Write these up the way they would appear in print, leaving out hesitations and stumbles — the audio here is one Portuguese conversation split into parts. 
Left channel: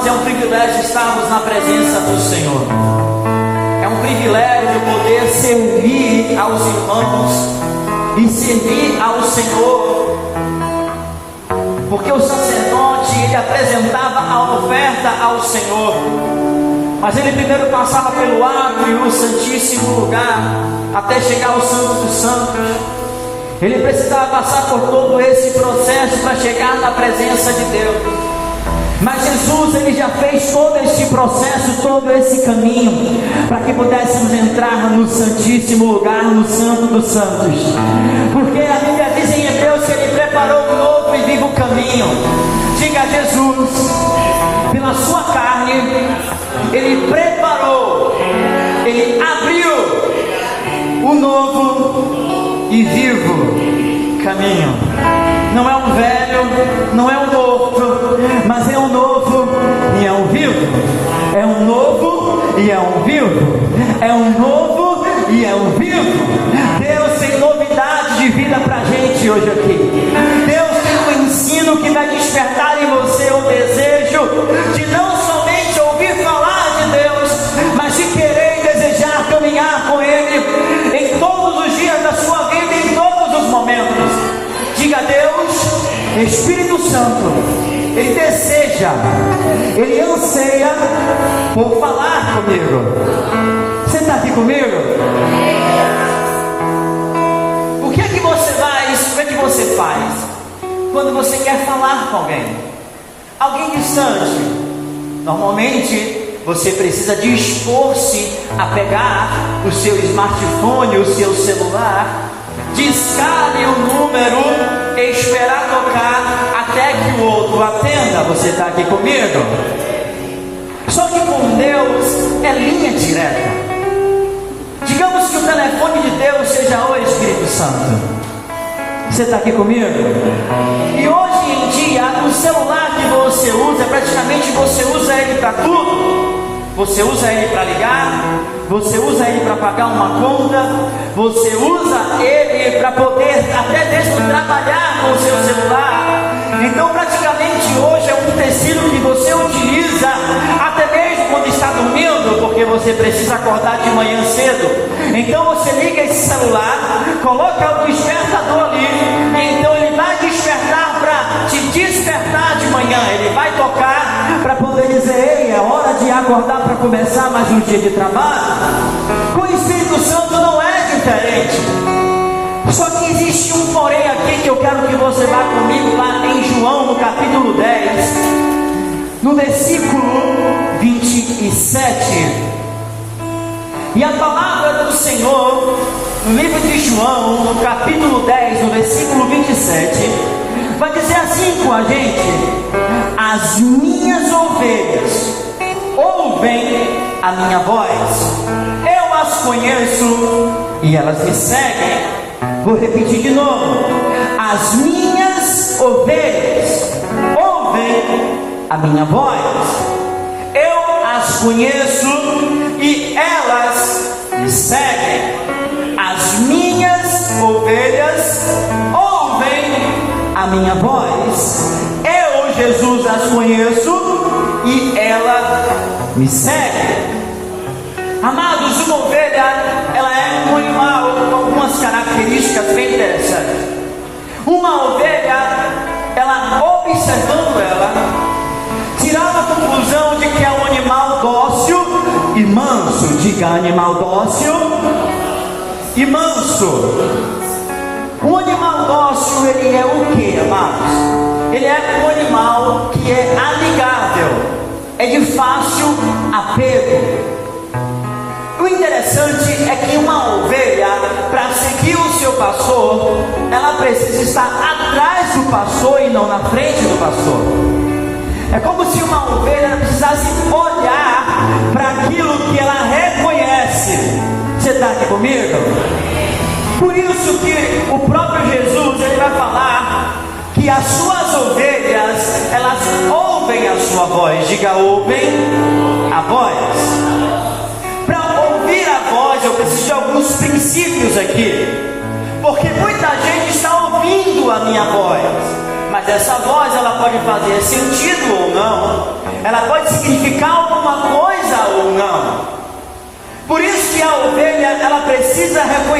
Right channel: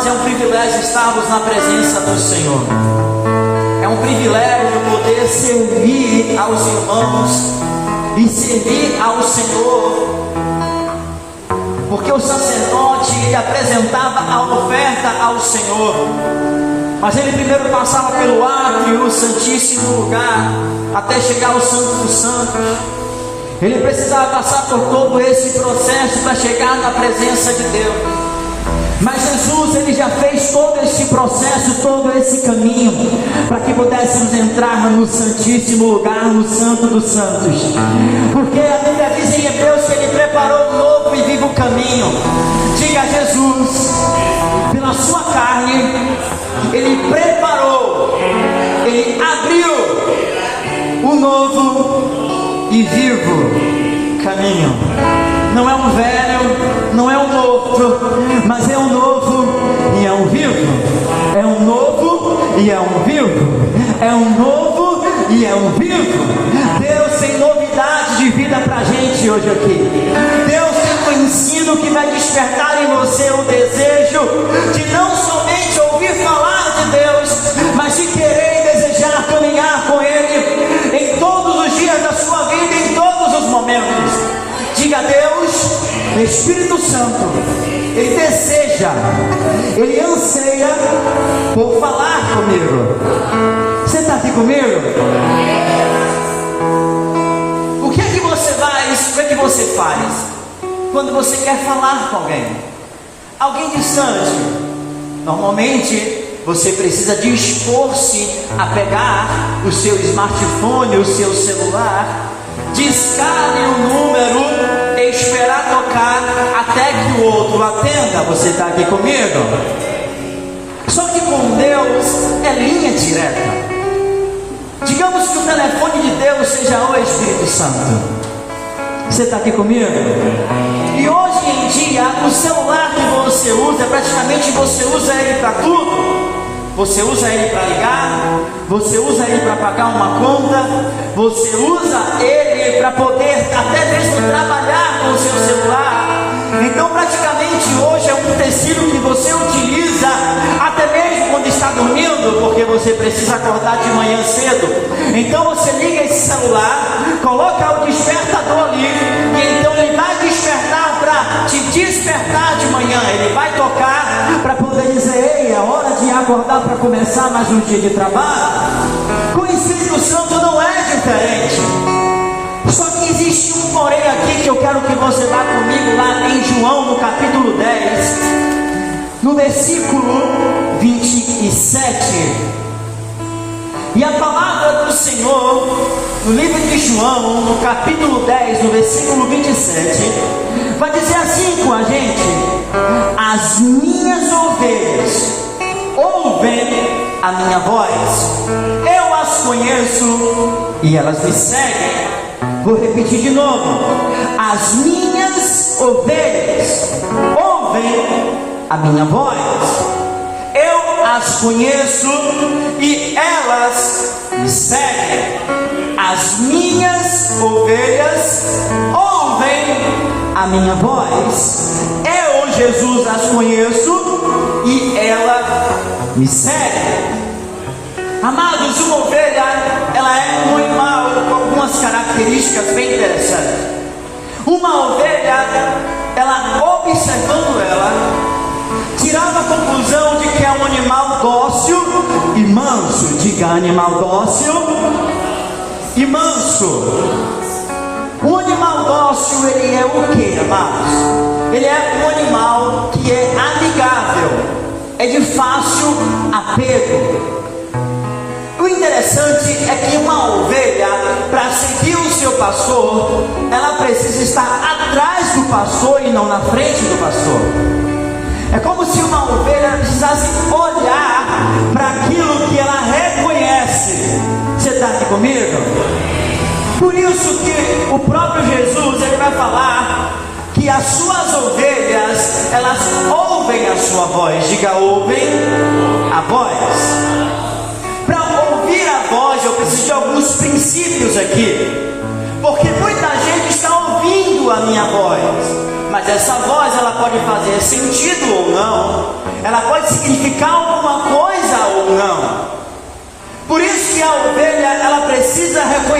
amados, é um privilégio estarmos na presença do Senhor. É um privilégio poder servir aos irmãos e servir ao Senhor, porque o sacerdote, ele apresentava a oferta ao Senhor, mas ele primeiro passava pelo átrio e o santíssimo lugar, até chegar ao Santo dos Santos. Ele precisava passar por todo esse processo para chegar na presença de Deus. Mas Jesus, ele já fez todo esse processo, todo esse caminho, para que pudéssemos entrar no santíssimo lugar, no Santo dos Santos. Porque a Bíblia diz em Hebreus que ele preparou um novo e vivo caminho. Diga a Jesus, pela sua carne, ele preparou, ele abriu o novo e vivo caminho. Não é um velho, não é um morto, mas é um novo e é um vivo. É um novo e é um vivo. É um novo e é um vivo. Deus tem novidade de vida pra gente hoje aqui. Deus tem um ensino que vai despertar em você o desejo de não somente ouvir falar de Deus, mas de querer e desejar caminhar com Ele em todos os dias da sua vida, em todos os momentos. Diga a Deus, Espírito Santo, Ele deseja, Ele anseia por falar comigo. Você está aqui comigo? O que é que você faz? O que é que você faz quando você quer falar com alguém? Alguém distante. Normalmente você precisa dispor-se a pegar o seu smartphone, o seu celular, discar o número e esperar tocar até que o outro atenda. Você está aqui comigo? Só que com Deus é linha direta. Digamos que o telefone de Deus seja o Espírito Santo. Você está aqui comigo? E hoje em dia, o celular que você usa, praticamente você usa ele para tudo. Você usa ele para ligar, você usa ele para pagar uma conta, você usa ele para poder até mesmo trabalhar com o seu celular. Então praticamente hoje é um tecido que você utiliza até mesmo quando está dormindo, porque você precisa acordar de manhã cedo. Então você liga esse celular, coloca o despertador ali, e então ele vai despertar para te despertar de manhã. Ele vai tocar para poder dizer: ei, é hora de acordar para começar mais um dia de trabalho. Com o Espírito Santo não é diferente. Só que existe um porém aqui que eu quero que você vá comigo lá em João, no capítulo 10, no versículo 27. E a palavra do Senhor, no livro de João, no capítulo 10, no versículo 27, vai dizer assim com a gente: as minhas ovelhas ouvem a minha voz, eu as conheço e elas me seguem. Vou repetir de novo: as minhas ovelhas ouvem a minha voz, eu as conheço e elas me seguem. As minhas ovelhas ouvem a minha voz, eu, Jesus, as conheço e ela me segue. Amados, uma ovelha, ela é um animal com algumas características bem interessantes. Uma ovelha, ela observando ela, tirava a conclusão de que é um animal dócil e manso. Diga: animal dócil e manso. Um animal dócil, ele é o que, amados? Ele é um animal que é amigável, é de fácil apego. O interessante é que uma ovelha, para seguir o seu pastor, ela precisa estar atrás do pastor e não na frente do pastor. É como se uma ovelha precisasse olhar para aquilo que ela reconhece. Você está aqui comigo? Por isso que o próprio Jesus, ele vai falar que as suas ovelhas, elas ouvem a sua voz. Diga: ouvem a voz. Para ouvir a voz, eu preciso de alguns princípios aqui, porque muita gente está ouvindo a minha voz, mas essa voz, ela pode fazer sentido ou não, ela pode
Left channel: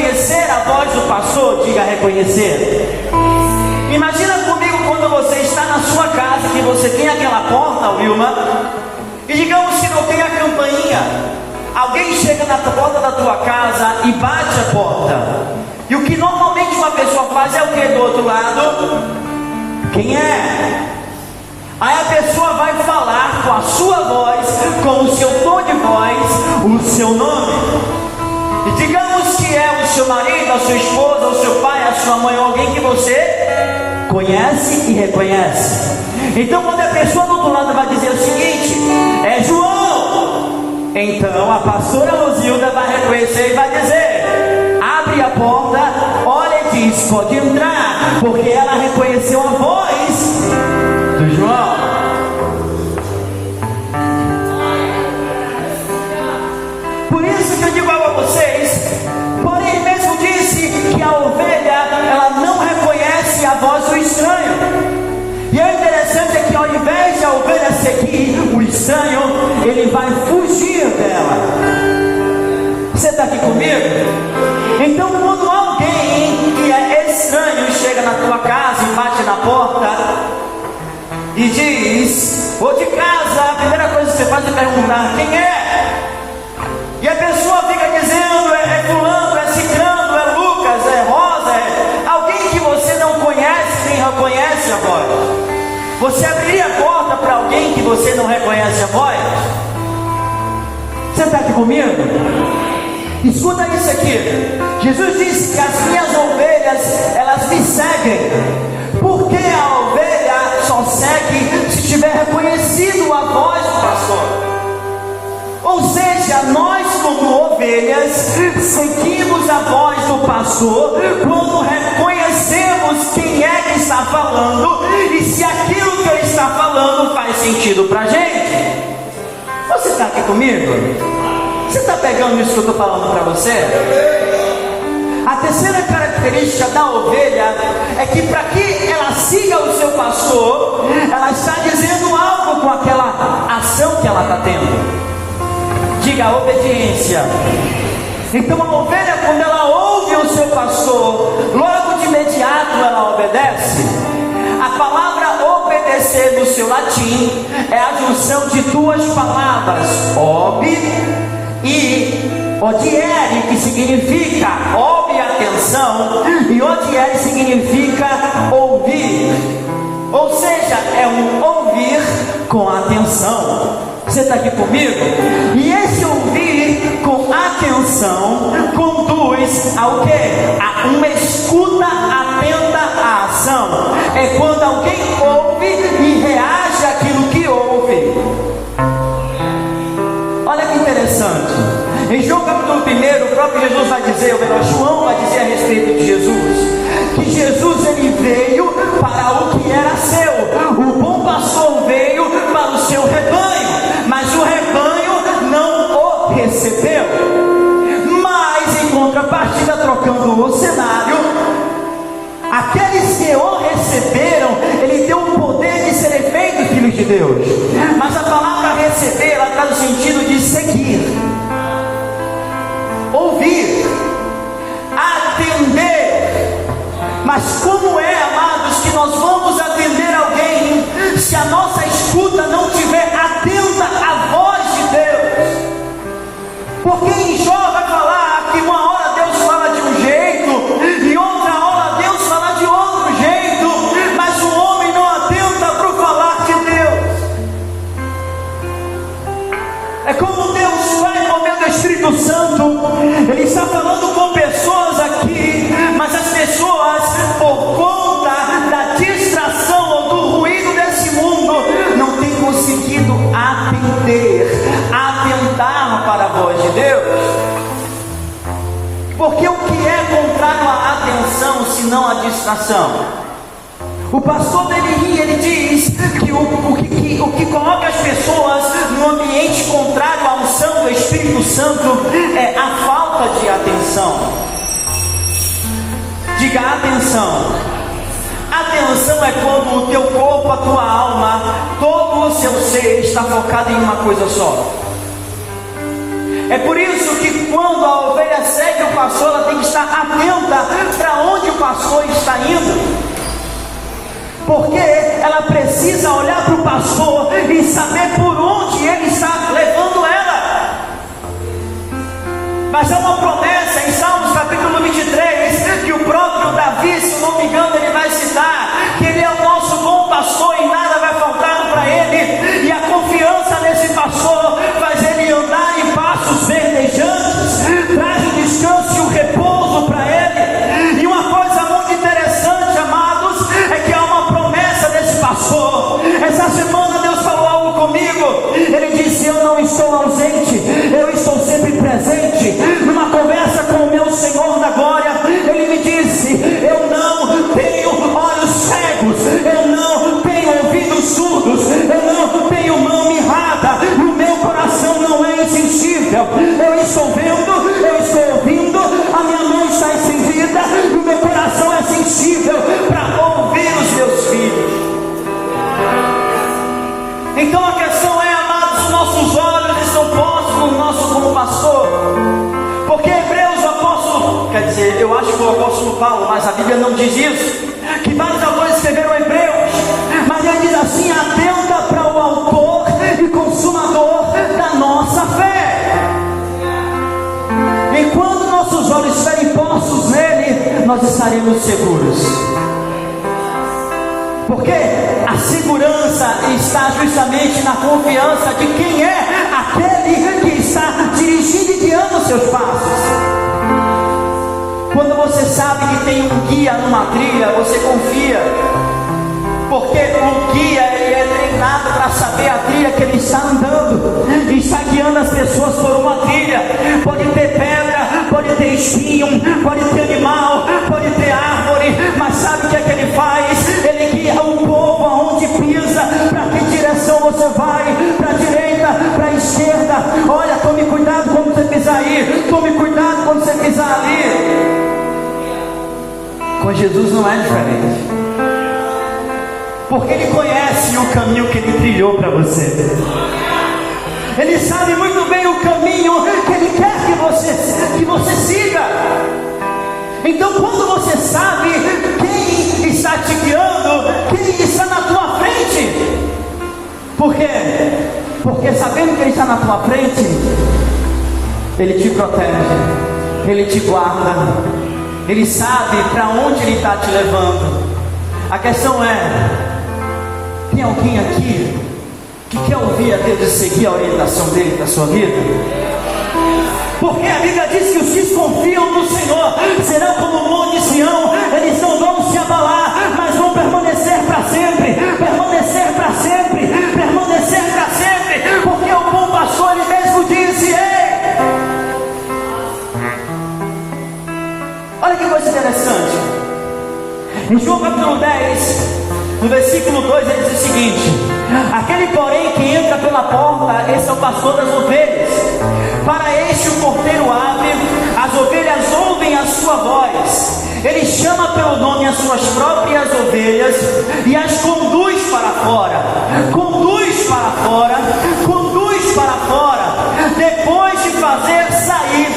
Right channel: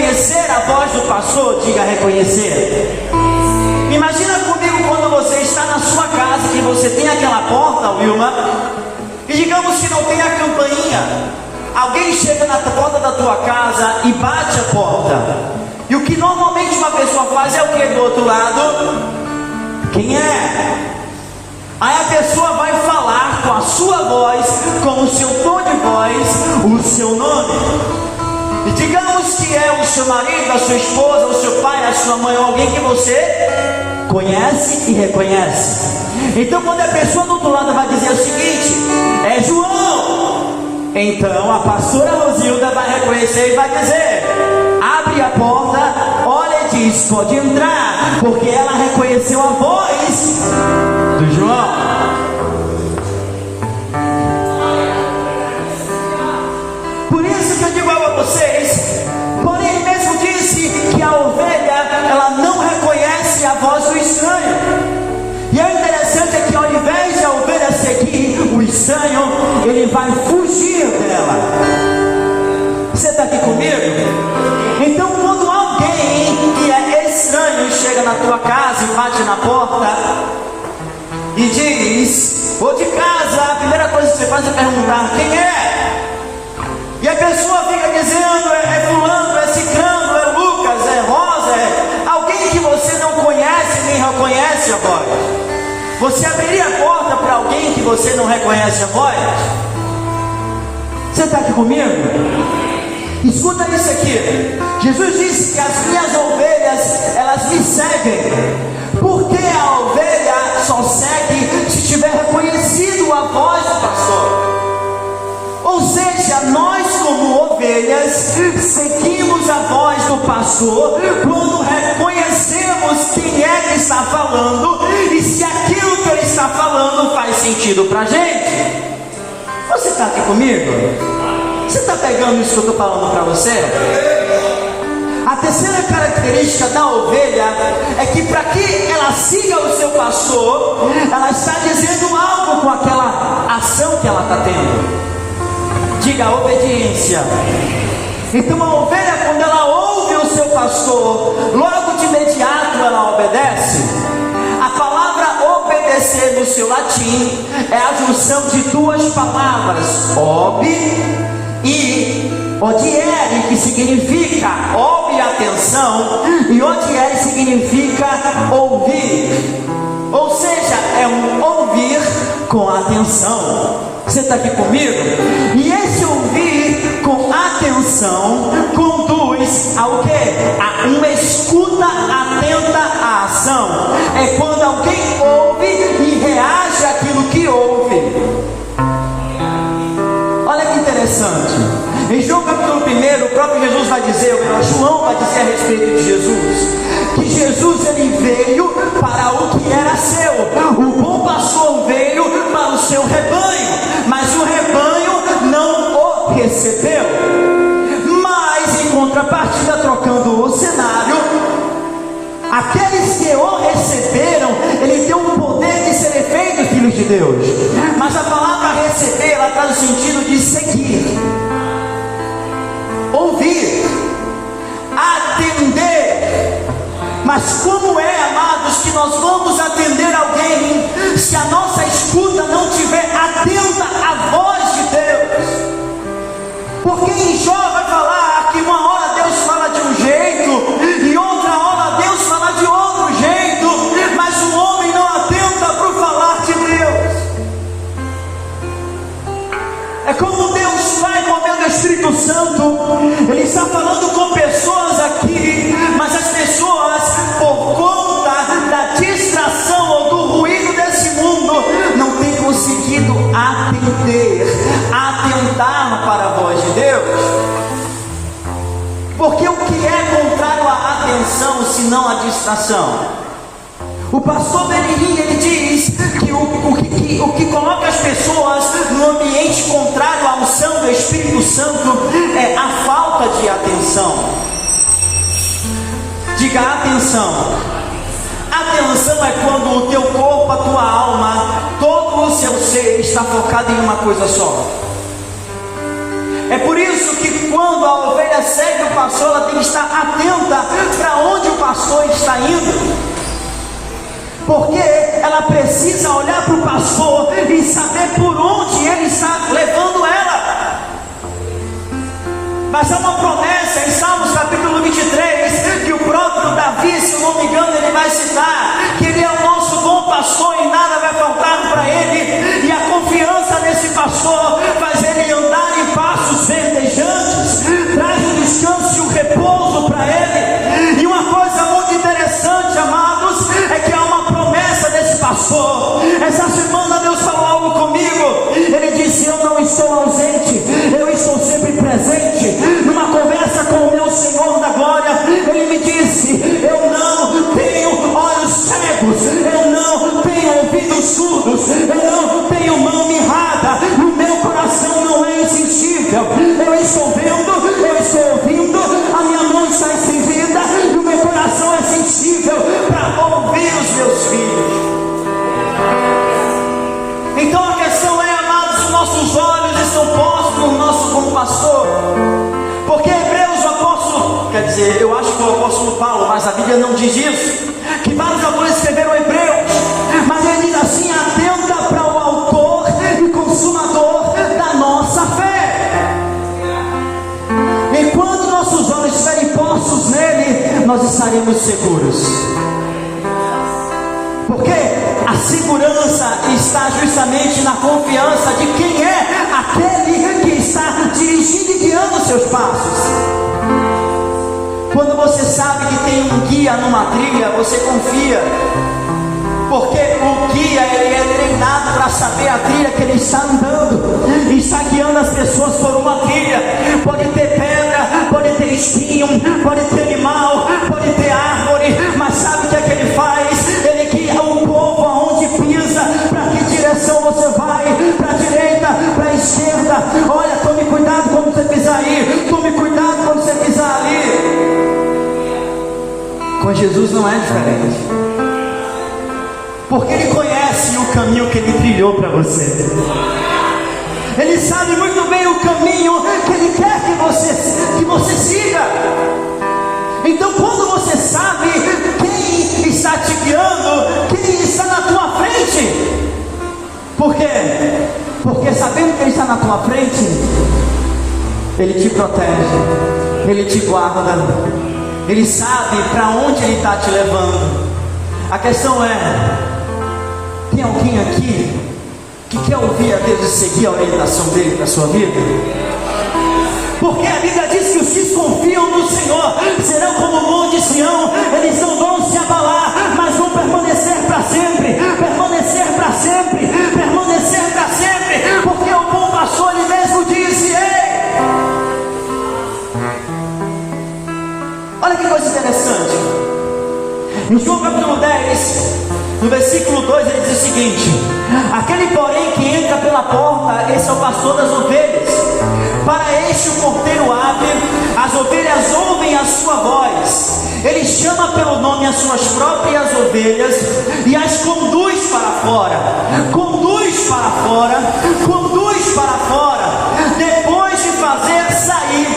reconhecer a voz do pastor? Diga reconhecer. Imagina comigo quando você está na sua casa, que você tem aquela porta, Wilma, e digamos que não tem a campainha. Alguém chega na porta da tua casa e bate a porta. E o que normalmente uma pessoa faz é o que do outro lado? Quem é? Aí a pessoa vai falar com a sua voz, com o seu tom de voz, o seu nome. E digamos que é o seu marido, a sua esposa, o seu pai, a sua mãe, alguém que você conhece e reconhece. Então quando a pessoa do outro lado vai dizer o seguinte: é João, então a pastora Rosilda vai reconhecer e vai dizer: abre a porta, olha e diz, pode entrar, porque ela reconheceu a voz do João. Por isso que eu digo a vocês, porém mesmo disse que a ovelha, ela não reconhece a voz do estranho. E o interessante é que ao invés de a ovelha seguir o estranho, ele vai fugir dela. Você está aqui comigo? Então quando alguém que é estranho chega na tua casa e bate na porta e diz: vou de casa, a primeira coisa que você faz é perguntar: quem é? E a pessoa fica dizendo: é fulano, é ciclano, é Lucas, é Rosa, é alguém que você não conhece nem reconhece a voz. Você abriria a porta para alguém que você não reconhece a voz? Você está aqui comigo? Escuta isso aqui. Jesus disse que as minhas ovelhas, elas me seguem. Porque a ovelha só segue se tiver reconhecido a voz do pastor. Ou seja, nós como ovelhas seguimos a voz do pastor quando reconhecemos quem é que está falando e se aquilo que ele está falando faz sentido para a gente. Você está aqui comigo? Você está pegando isso que eu estou falando para você? A terceira característica da ovelha é que para que ela siga o seu pastor, ela está dizendo algo com aquela ação que ela está tendo. Diga obediência. Então a ovelha, quando ela ouve o seu pastor, logo de imediato ela obedece. A palavra obedecer no seu latim é a junção de duas palavras, ob e odiere, que significa ouve, atenção, e odiere significa ouvir. Ou seja, é um ouvir com atenção. Você está aqui comigo? E esse ouvir com atenção conduz ao quê? A uma escuta atenta à ação. É quando alguém ouve e reage àquilo que ouve. Olha que interessante. Em João capítulo 1, o próprio Jesus vai dizer, João vai dizer a respeito de Jesus, que Jesus ele veio para o que era seu. O bom pastor veio para o seu rebanho, mas o rebanho não o recebeu. Mas em contrapartida, trocando o cenário, aqueles que o receberam, ele tem o poder de serem feitos filhos de Deus. Mas a palavra receber, ela traz o sentido de seguir, ouvir, atender. Mas como é, amados, que nós vamos atender alguém se a nossa escuta não estiver atenta à voz de Deus? Porque em Jó vai falar que uma hora Deus fala de um jeito e outra hora Deus fala de outro jeito, mas o homem não atenta para o falar de Deus. É como Deus vai movendo o Espírito Santo, Ele está falando com pessoas aqui, mas as pessoas, por conta da distração ou do ruído desse mundo, não têm conseguido atentar para a voz de Deus. Porque o que é contrário à atenção, senão à distração? O pastor Benihim, ele diz que o que coloca as pessoas no ambiente contrário à unção do Espírito Santo é a falta de atenção. Diga atenção. Atenção é quando o teu corpo, a tua alma, todo o seu ser está focado em uma coisa só. É por isso que quando a ovelha segue o pastor, ela tem que estar atenta para onde o pastor está indo, porque ela precisa olhar para o pastor e saber por onde ele está levando ela. Mas é uma promessa em Salmos capítulo 23, que o próprio Davi, se não me engano, ele vai citar, que ele é o nosso bom pastor e nada vai faltar para ele, e a confiança desse pastor faz ele andar em passos verdejantes, traz o descanso e o repouso para ele. E uma coisa muito interessante, amados, é que há uma promessa desse pastor. Essa semana Deus falou algo comigo. Ele disse: eu não estou ausente, eu estou sempre presente. Numa conversa com o meu Senhor da glória, ele me disse: eu não tenho olhos cegos, eu não tenho ouvidos surdos, eu não tenho mão mirrada, o meu coração não é insensível. Eu estou vendo, eu estou ouvindo, a minha mão está estendida e o meu coração é sensível para ouvir os meus filhos. Então a questão é, amados, os nossos olhos estão postos no nosso bom pastor, porque Hebreus, o apóstolo, quer dizer, eu acho que é o apóstolo Paulo, mas a Bíblia não diz isso, que vários autores escreveram Hebreus, mas ele diz assim: atenta para o autor e consumador da nossa fé. Enquanto nossos olhos estiverem postos nele, nós estaremos seguros, porque a segurança está justamente na confiança de quem é aquele que está dirigindo e guiando seus passos. Quando você sabe que tem um guia numa trilha, você confia, porque o guia, ele é treinado para saber a trilha que ele está andando, e está guiando as pessoas por uma trilha. Pode ter pedra, pode ter espinho, pode ter animal, pode ter árvore, mas sabe o que é que ele faz? Ele guia o povo aonde pisa, para que direção você vai, para a direita, para a esquerda. Olha, tome cuidado quando você pisar aí, tome cuidado quando você pisar ali. Com Jesus não é diferente, porque Ele conhece o caminho que Ele trilhou para você. Ele sabe muito bem o caminho que Ele quer que você siga. Então, quando você sabe quem está te guiando, quem está na tua frente, por quê? Porque sabendo que Ele está na tua frente, Ele te protege, Ele te guarda, Ele sabe para onde Ele está te levando. A questão é: tem alguém aqui que quer ouvir a Deus e seguir a orientação dele para a sua vida? Porque a Bíblia diz que os que confiam no Senhor serão como o monte de Sião, eles não vão se abalar, mas vão permanecer para sempre, permanecer para sempre, permanecer para sempre, porque o bom pastor, ele mesmo disse: ei! Olha que coisa interessante, em João capítulo 10, no versículo 2, ele diz o seguinte: aquele porém que entra pela porta, esse é o pastor das ovelhas. Para este o porteiro abre, as ovelhas ouvem a sua voz. Ele chama pelo nome as suas próprias ovelhas e as conduz para fora. Conduz para fora, conduz para fora. Depois de fazer sair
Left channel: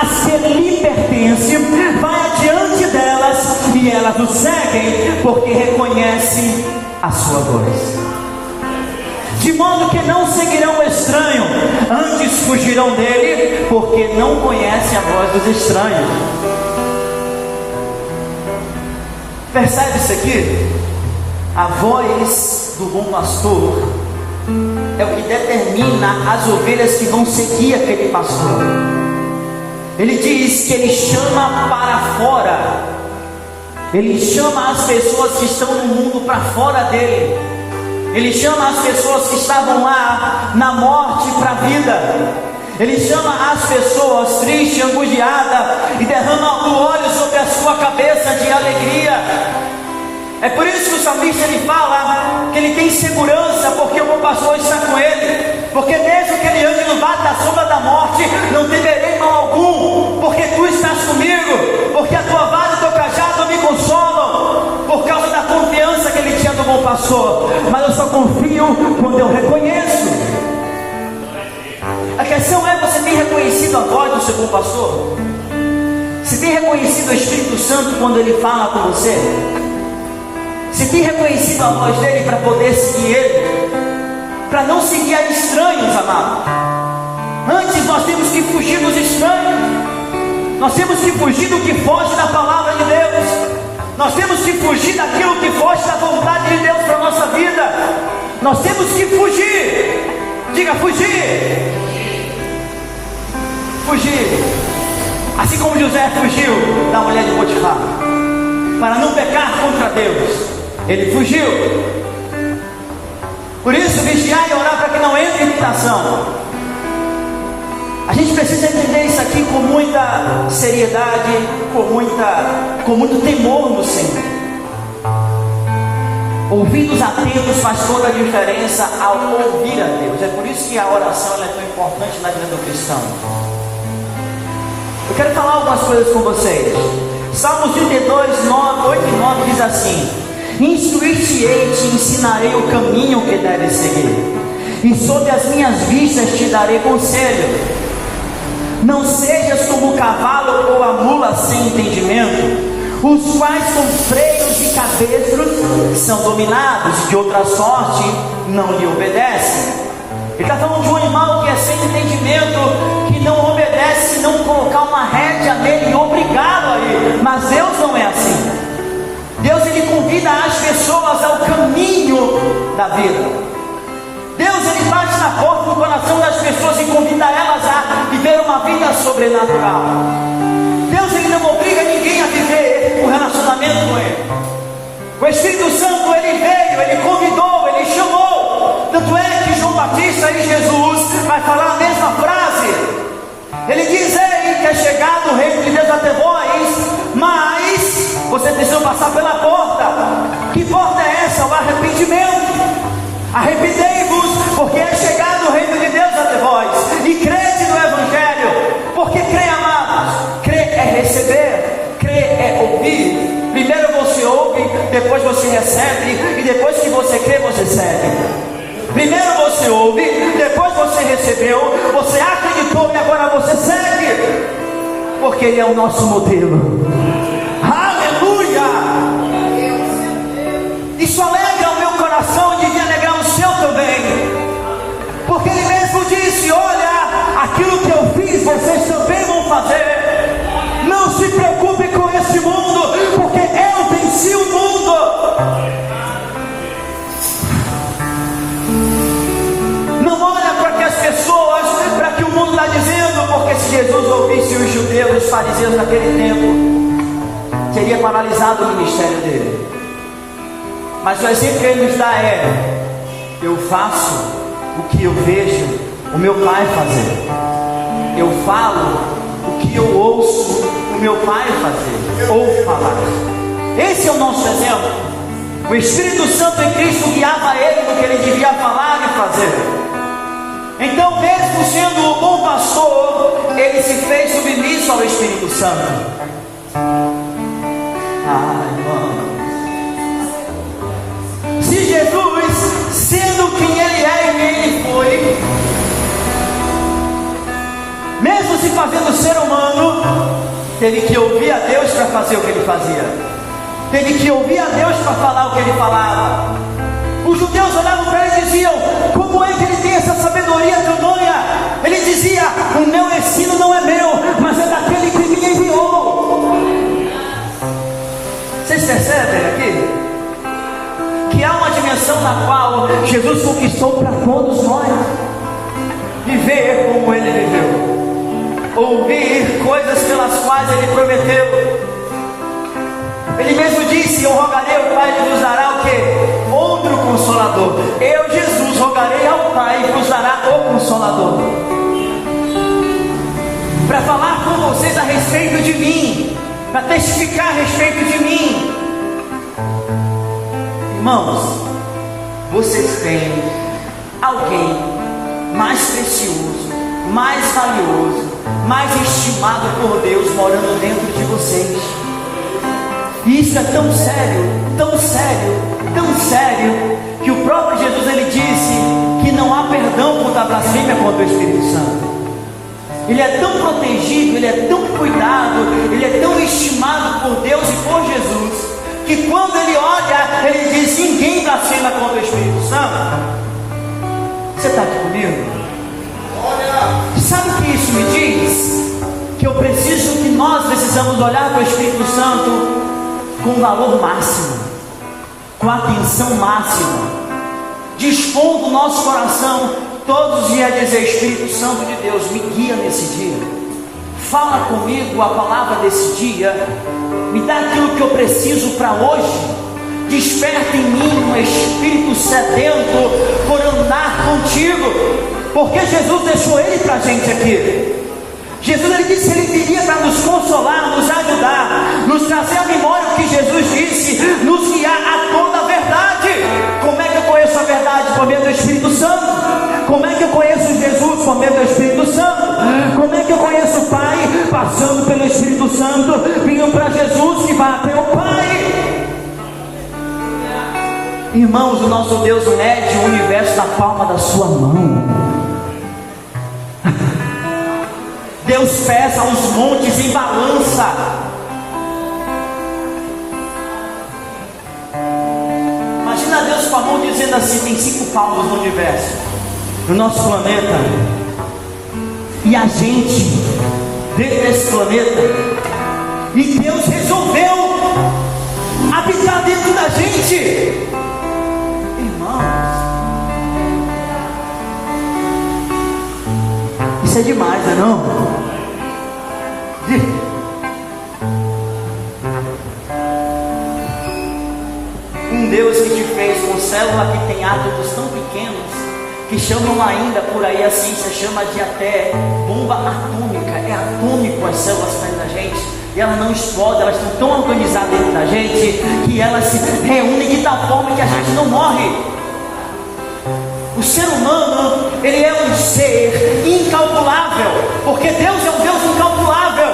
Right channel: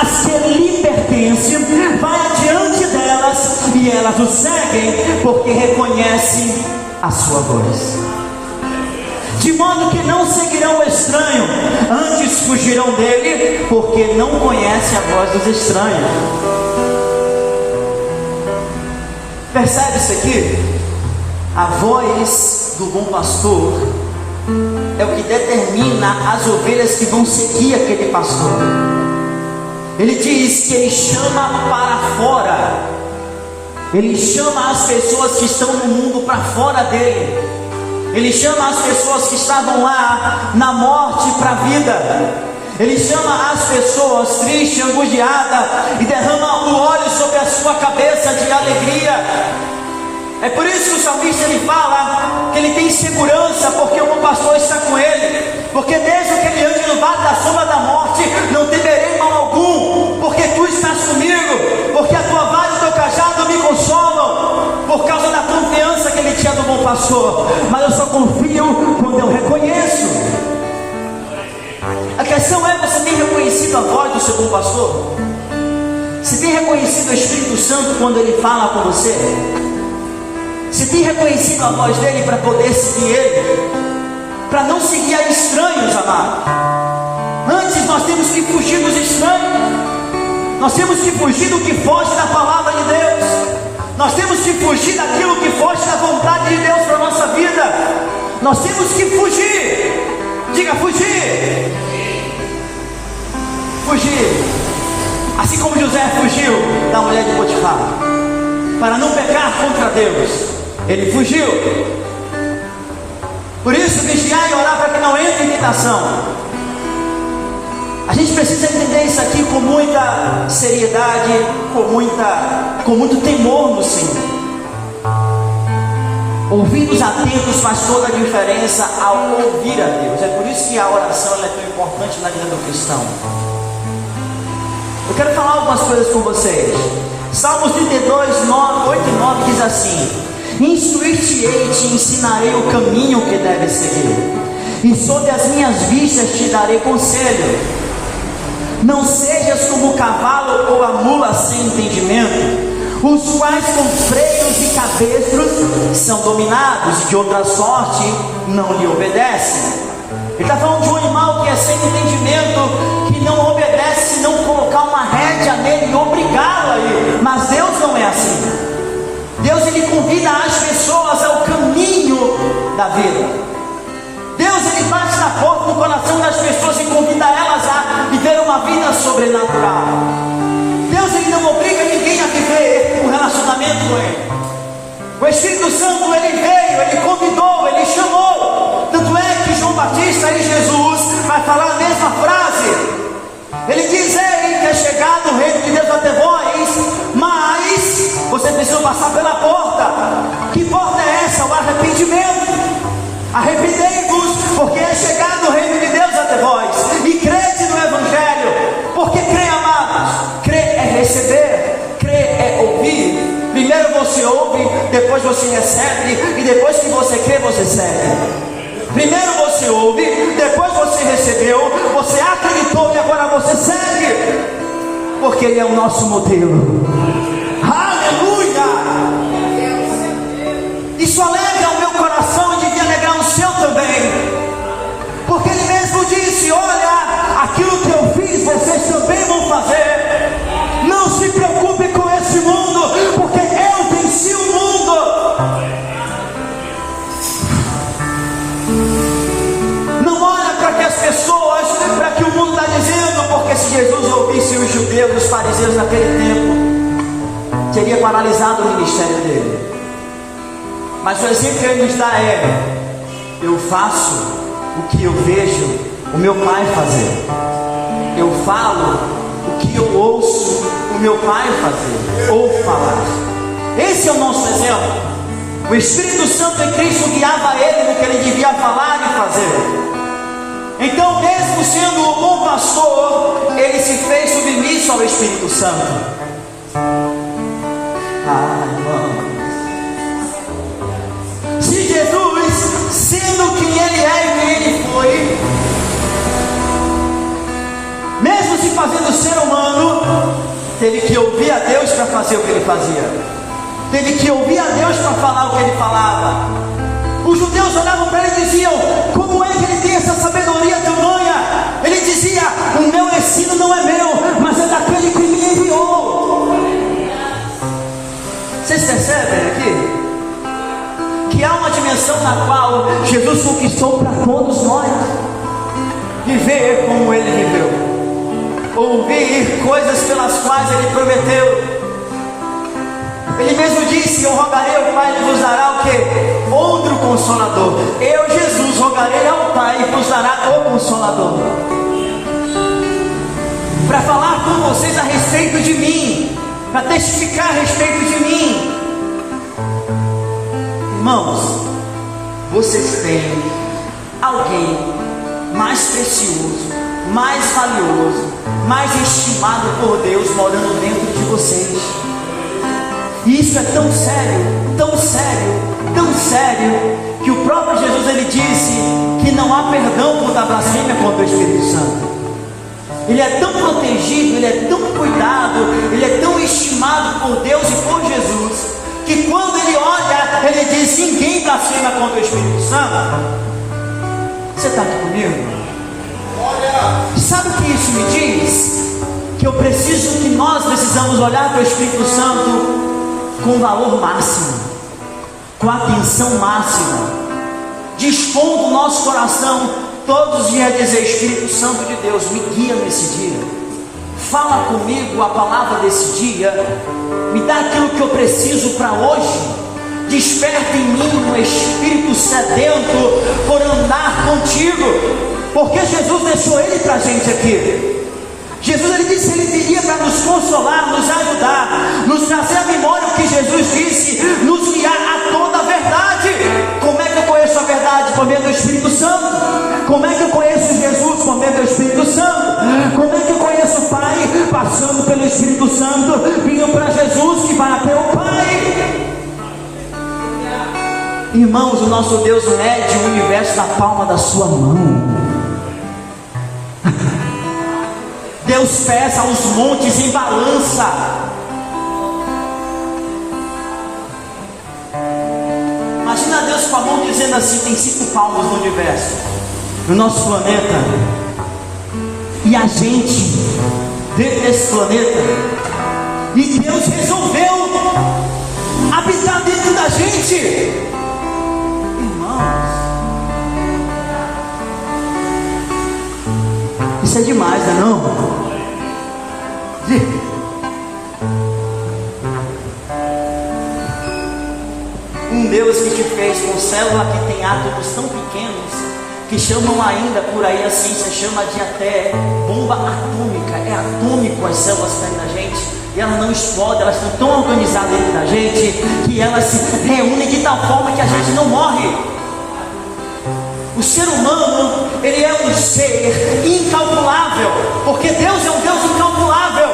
as que lhe pertencem, vai adiante delas e elas o seguem, porque reconhecem a sua voz. De modo que não seguirão o estranho, antes fugirão dele, porque não conhecem a voz dos estranhos. Percebe isso aqui? A voz do bom pastor é o que determina as ovelhas que vão seguir aquele pastor. Ele diz que ele chama para fora, ele chama as pessoas que estão no mundo para fora dele. Ele chama as pessoas que estavam lá na morte para a vida. Ele chama as pessoas tristes, angustiadas, e derrama o óleo sobre a sua cabeça de alegria. É por isso que o salmista ele fala que ele tem segurança, porque o bom pastor está com ele. Porque desde que ele ande no vale da sombra da morte, não temerei mal algum, porque tu estás comigo, porque a tua vara e o teu cajado me consolam, por causa da confiança que ele tinha do bom pastor. Mas eu só confio quando eu reconheço. A questão é: você tem reconhecido pastor? Você tem reconhecido o Espírito Santo quando ele fala com você? Você tem reconhecido a voz dele para poder seguir ele? Para não seguir a estranhos, amados. Antes nós temos que fugir dos estranhos. Nós temos que fugir do que foge da palavra de Deus. Nós temos que fugir daquilo que foge da vontade de Deus para a nossa vida. Nós temos que fugir. Diga, fugir. Fugir. Assim como José fugiu da mulher de Potifar, para não pecar contra Deus, ele fugiu. Por isso, vigiar e orar para que não entre em tentação. A gente precisa entender isso aqui com muita seriedade, com muito temor no Senhor. Ouvidos atentos faz toda a diferença ao ouvir a Deus. É por isso que a oração é tão importante na vida do cristão. Eu quero falar algumas coisas com vocês. Salmos 32, 8 e 9 diz assim: instruir-te-ei e te ensinarei o caminho que deves seguir, e sob as minhas vistas te darei conselho. Não sejas como o cavalo ou a mula sem entendimento, os quais com freios e cabestros são dominados, e de outra sorte não lhe obedecem. Ele está falando de um animal que é sem entendimento, que não obedece se não colocar uma rédea nele e obrigá-lo a ir. Mas Deus não é assim. Deus, ele convida as pessoas ao caminho da vida. Deus, ele bate na porta do coração das pessoas e convida elas a viver uma vida sobrenatural. Deus, ele não obriga ninguém a viver um relacionamento com ele. O Espírito Santo, ele veio, ele convidou, ele chamou. Tanto é que João Batista e Jesus vai falar a mesma frase. Ele diz: ele que é chegado o reino de Deus até vós, mas você precisa passar pela porta. Que porta é essa? O arrependimento. Arrependei-vos, porque é chegado o reino de Deus até vós, e crede no Evangelho. Porque crer, amados, crer é receber, crer é ouvir. Primeiro você ouve, depois você recebe, e depois que você crê, você segue. Primeiro você ouve, depois você recebeu, você acreditou e agora você segue, porque Ele é o nosso modelo. Aleluia! Isso alegra o meu coração e devia alegrar o seu também, porque Ele mesmo disse: olha, aquilo que eu fiz, vocês também vão fazer. Não se preocupe com esse mundo, porque eu venci o mundo. Porque se Jesus ouvisse os judeus, os fariseus naquele tempo, teria paralisado o ministério dele. Mas o exemplo que ele nos dá é: eu faço o que eu vejo o meu pai fazer, eu falo o que eu ouço o meu pai fazer ou falar. Esse é o nosso exemplo. O Espírito Santo em Cristo guiava ele no que ele devia falar e fazer. Então, mesmo sendo o bom pastor, ele se fez submisso ao Espírito Santo. Irmãos, se Jesus, sendo quem ele é e quem ele foi, mesmo se fazendo ser humano, teve que ouvir a Deus para fazer o que ele fazia, teve que ouvir a Deus para falar o que ele falava. Os judeus olhavam para ele e diziam: como é que ele tem essa sabedoria tamanha? Ele dizia: o meu ensino não é meu, mas é daquele que me enviou. Vocês percebem aqui? Que há uma dimensão na qual Jesus conquistou para todos nós. Viver como ele viveu, ouvir coisas pelas quais ele prometeu. Ele mesmo disse: eu rogarei ao Pai e vos dará o que? Outro Consolador. Eu, Jesus, rogarei ao Pai e vos dará o Consolador, para falar com vocês a respeito de mim, para testificar a respeito de mim. Irmãos, vocês têm alguém mais precioso, mais valioso, mais estimado por Deus morando dentro de vocês. E isso é tão sério, tão sério, tão sério, que o próprio Jesus, ele disse que não há perdão por dar blasfêmia contra o Espírito Santo. ele é tão protegido, ele é tão cuidado, ele é tão estimado por Deus e por Jesus, que quando ele olha, ele diz: ninguém blasfema contra o Espírito Santo. Você está aqui comigo? Sabe o que isso me diz? Que nós precisamos olhar para o Espírito Santo com valor máximo, com atenção máxima, dispondo o nosso coração todos os dias a dizer: Espírito Santo de Deus, me guia nesse dia, fala comigo a palavra desse dia, me dá aquilo que eu preciso para hoje, desperta em mim um espírito sedento por andar contigo, porque Jesus deixou ele para a gente aqui. Jesus, ele disse que ele viria para nos consolar, nos ajudar, nos trazer a memória o que Jesus disse, nos guiar a toda a verdade. Como é que eu conheço a verdade? Por meio do Espírito Santo. Como é que eu conheço Jesus? Por meio do Espírito Santo. Como é que eu conheço o Pai? Passando pelo Espírito Santo, vindo para Jesus que vai até o Pai. Irmãos, o nosso Deus mede o universo na palma da sua mão. Deus pesa os montes em balança. Imagina Deus com a mão dizendo assim: tem 5 palmos no universo, no nosso planeta, e a gente veio nesse planeta, e Deus resolveu habitar dentro da gente. Isso é demais, não? Um Deus que te fez com célula que tem átomos tão pequenos, que chamam ainda por aí, a ciência chama de até bomba atômica. É atômico as células dentro da gente, e elas não explodem, elas estão tão atomizadas dentro da gente, que elas se reúnem de tal forma que a gente não morre. O ser humano, ele é um ser incalculável, porque Deus é um Deus incalculável.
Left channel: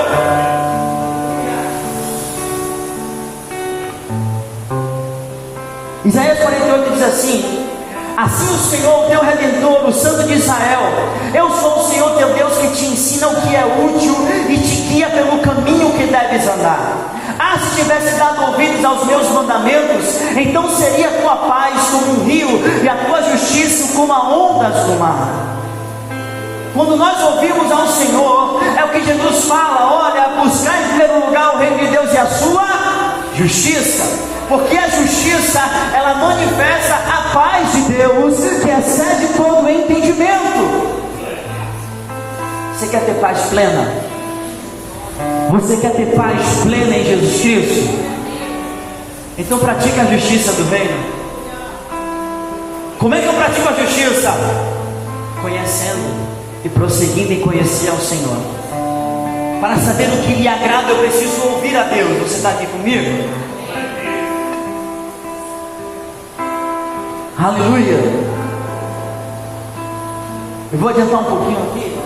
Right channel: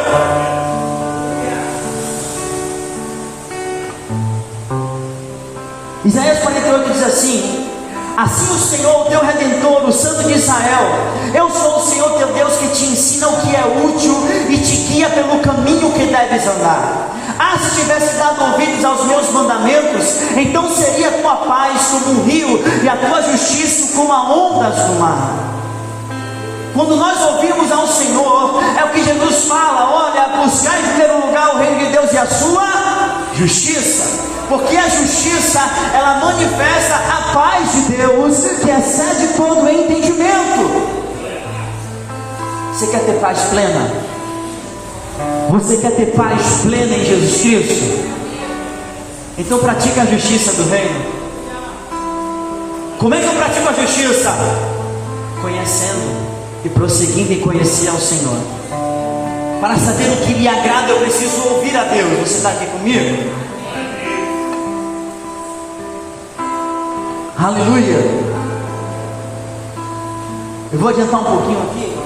Isaías 48 diz assim: assim o Senhor, teu Redentor, o Santo de Israel: eu sou o Senhor teu Deus, que te ensina o que é útil e te guia pelo caminho que deves andar. Ah, se tivesse dado ouvidos aos meus mandamentos, então seria a tua paz como um rio, e a tua justiça como a ondas do mar. Quando nós ouvimos ao Senhor, é o que Jesus fala: olha, buscar em primeiro lugar o reino de Deus e a sua justiça, porque a justiça, ela manifesta a paz de Deus, que excede todo o entendimento. Você quer ter paz plena? Você quer ter paz plena em Jesus Cristo? Então pratica a justiça do reino. Como é que eu pratico a justiça? Conhecendo e prosseguindo em conhecer ao Senhor. Para saber o que lhe agrada, eu preciso ouvir a Deus. Você está aqui comigo? Aleluia. Eu vou adiantar um pouquinho aqui.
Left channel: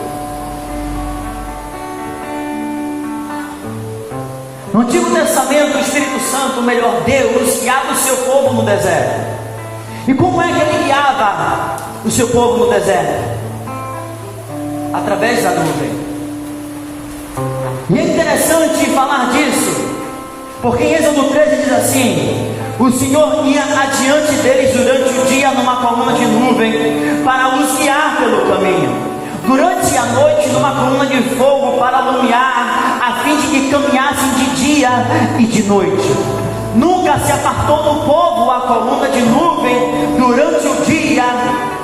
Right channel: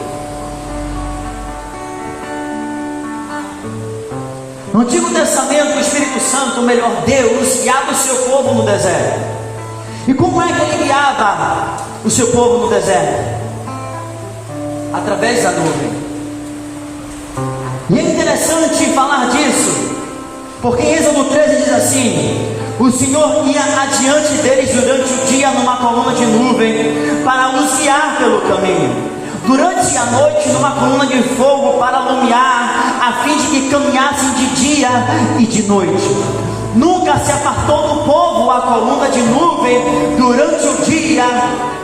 No Antigo Testamento, o Espírito Santo, o melhor Deus, guiava o seu povo no deserto. E como é que ele guiava o seu povo no deserto? Através da nuvem. E é interessante falar disso, porque em Êxodo 13 diz assim: o Senhor ia adiante deles durante o dia numa coluna de nuvem para os guiar pelo caminho, durante a noite numa coluna de fogo para alumiar, a fim de que caminhassem de dia e de noite. Nunca se apartou do povo a coluna de nuvem durante o dia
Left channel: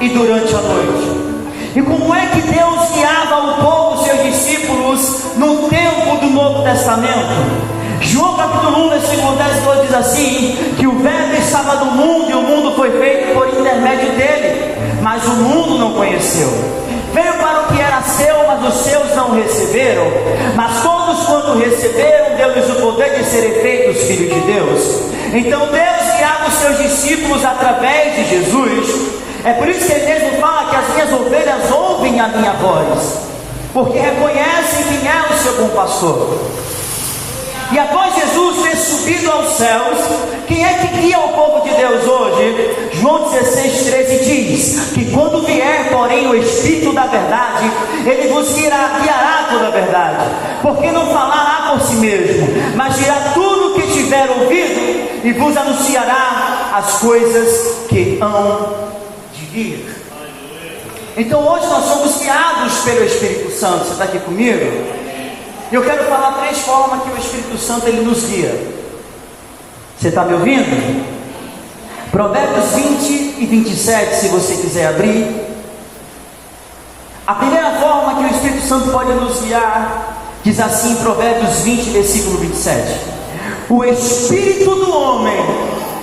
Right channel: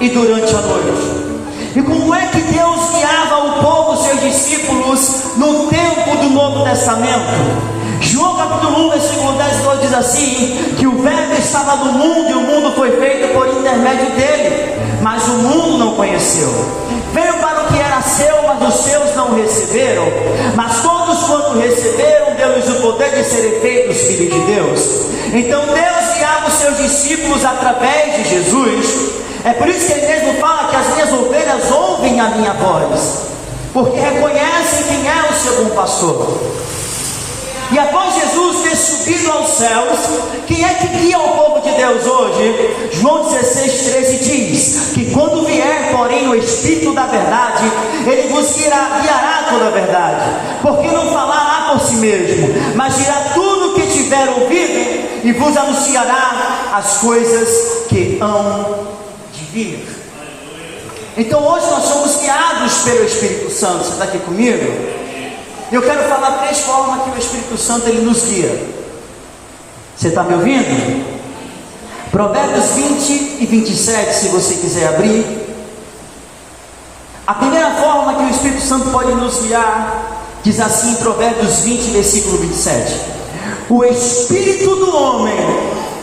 e durante a noite. E como é que Deus guiava o povo, seus discípulos, no tempo do Novo Testamento? João capítulo 1, versículo 10 diz assim: que o verbo estava no mundo, e o mundo foi feito por intermédio dele, mas o mundo não conheceu. Veio para o que era seu, mas os seus não receberam. Mas todos quanto receberam, deu-lhes o poder de serem feitos filhos de Deus. Então Deus guiava os seus discípulos através de Jesus. É por isso que ele mesmo fala que as minhas ovelhas ouvem a minha voz, porque reconhecem quem é o seu bom pastor. E após Jesus ter subido aos céus, quem é que guia o povo de Deus hoje? João 16:13 diz que quando vier, porém, o Espírito da verdade, ele vos guiará toda a verdade, porque não falará por si mesmo, mas dirá tudo o que tiver ouvido e vos anunciará as coisas que hão de vir. Então hoje nós somos guiados pelo Espírito Santo. Você está aqui comigo? Eu quero falar 3 formas que o Espírito Santo ele nos guia. Você está me ouvindo? Provérbios 20 e 27, se você quiser abrir. A primeira forma que o Espírito Santo pode nos guiar, diz assim em Provérbios 20, versículo 27. O Espírito do homem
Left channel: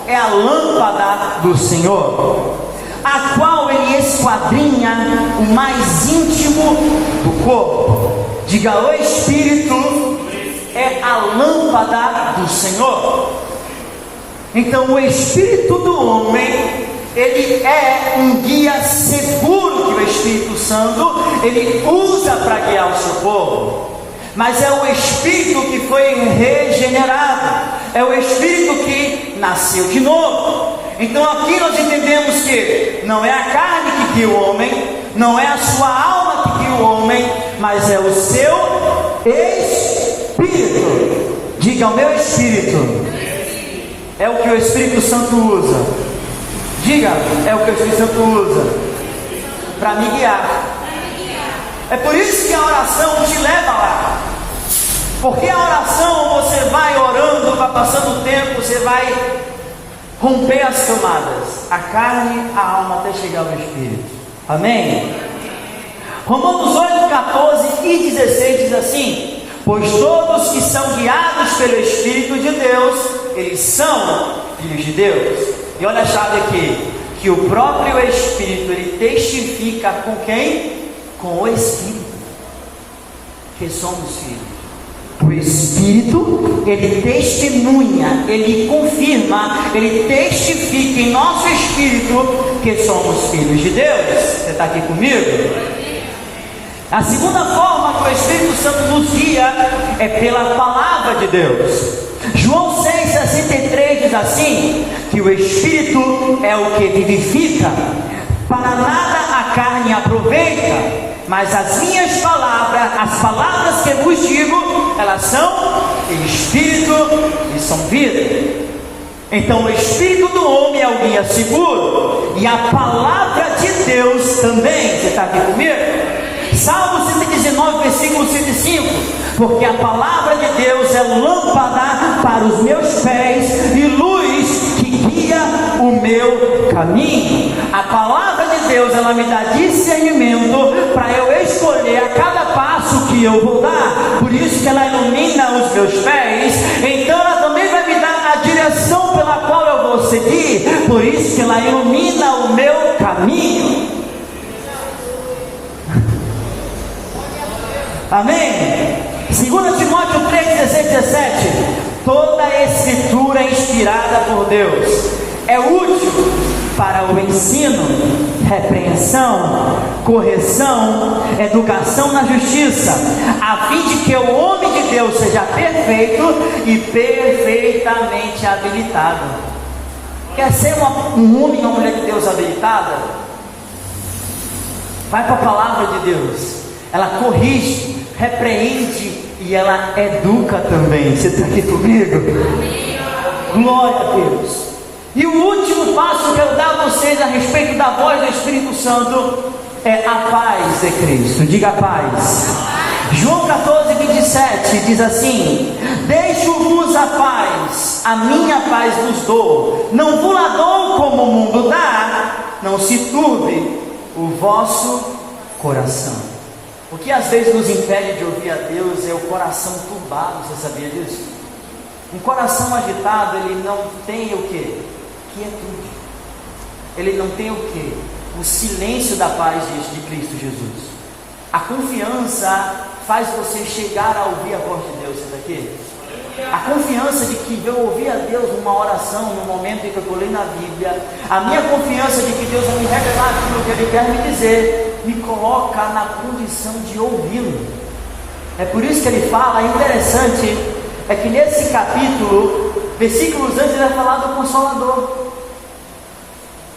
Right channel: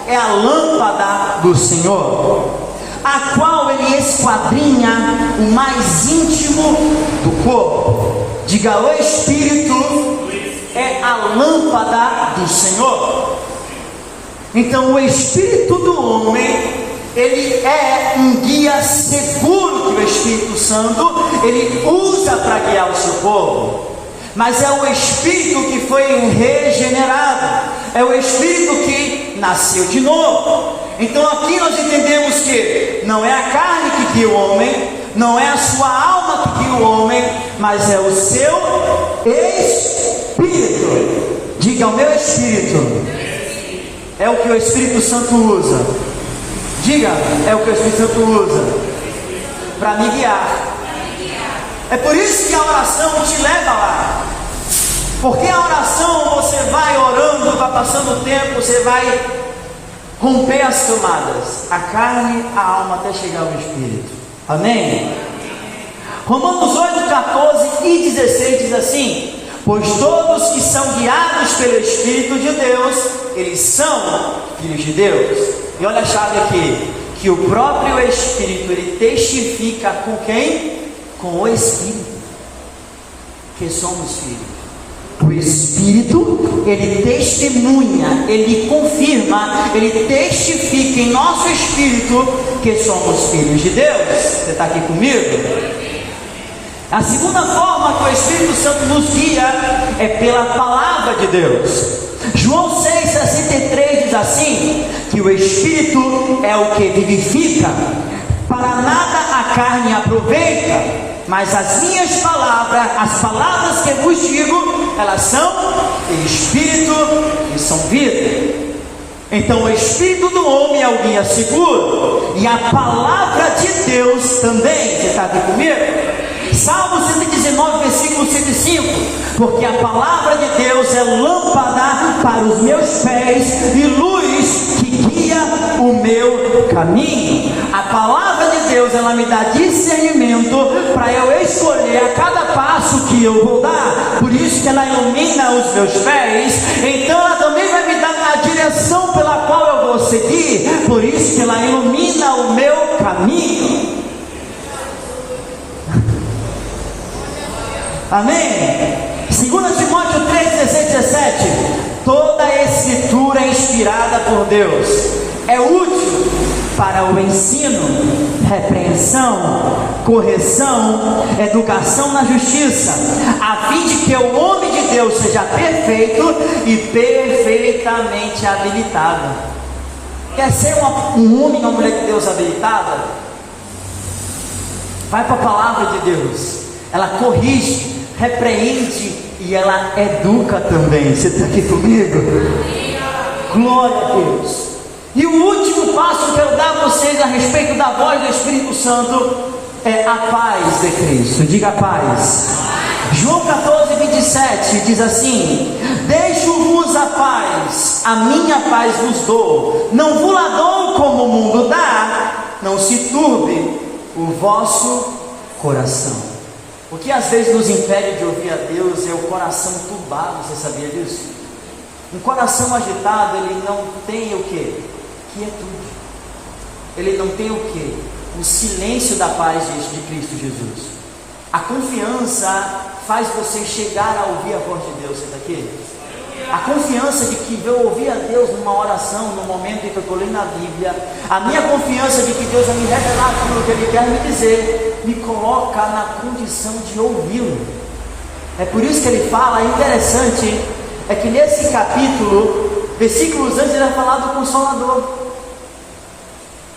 é a lâmpada do Senhor, a qual ele esquadrinha o mais íntimo do corpo. Diga, o Espírito é a lâmpada do Senhor. Então o Espírito do homem, ele é um guia seguro que o Espírito Santo, ele usa para guiar o seu povo. Mas é o Espírito que foi regenerado, é o Espírito que nasceu de novo. Então aqui nós entendemos que não é a carne que guia o homem, não é a sua alma que guia o homem, mas é o seu Espírito. Diga, o meu Espírito é o que o Espírito Santo usa. Diga, é o que o Espírito Santo usa para me guiar. É por isso que a oração te leva lá. Porque a oração você vai orando, vai passando o tempo, você vai romper as camadas, a carne, a alma, até chegar ao Espírito. Amém? Romanos 8, 14 e 16 diz assim: pois todos que são guiados pelo Espírito de Deus, eles são filhos de Deus. E olha a chave aqui, que o próprio Espírito, ele testifica com quem? Com o Espírito, que somos filhos. O Espírito, ele testemunha, ele confirma, ele testifica em nosso espírito que somos filhos de Deus. Você está aqui comigo? A segunda forma que o Espírito Santo nos guia é pela palavra de Deus. João 6,63 diz assim, que o Espírito é o que vivifica, para nada a carne aproveita, mas as minhas palavras, as palavras que vos digo, elas são Espírito e são vida. Então o Espírito do homem é o guia seguro, e a palavra de Deus também. Você está aqui comigo? Salmo 119, versículo 105, porque a palavra de Deus é lâmpada para os meus pés e luz que guia o meu caminho. A palavra de Deus, ela me dá discernimento para eu escolher a cada passo que eu vou dar. Por isso que ela ilumina os meus pés, então ela também vai me dar a direção pela qual eu vou seguir. Por isso que ela ilumina o meu caminho. Amém? 2 Timóteo 3, 16, 17. Toda a escritura é inspirada por Deus, é útil para o ensino, repreensão, correção, educação na justiça, a fim de que o homem de Deus seja perfeito e perfeitamente habilitado. Quer ser um homem, uma mulher de Deus habilitada? Vai para a palavra de Deus. Ela corrige, repreende e ela educa também. Você está aqui comigo? Glória a Deus. E o último passo que eu quero dar a vocês a respeito da voz do Espírito Santo é a paz de Cristo. Diga paz. João 14, 27 diz assim: deixo-vos a paz, a minha paz vos dou, não vos la dou como o mundo dá, não se turbe o vosso coração. O que às vezes nos impede de ouvir a Deus é o coração turbado. Você sabia disso? Um coração agitado, ele não tem o que? Quietude. Ele não tem o que? O silêncio da paz de Cristo Jesus. A confiança faz você chegar a ouvir a voz de Deus. Você está aqui? A confiança de que eu ouvi a Deus numa oração, no momento em que eu colei na Bíblia, a minha confiança de que Deus vai me revelar aquilo que Ele quer me dizer, me coloca na condição de ouvi-lo. É por isso que ele fala, é interessante, é que nesse capítulo, versículos antes, ele é falado do Consolador.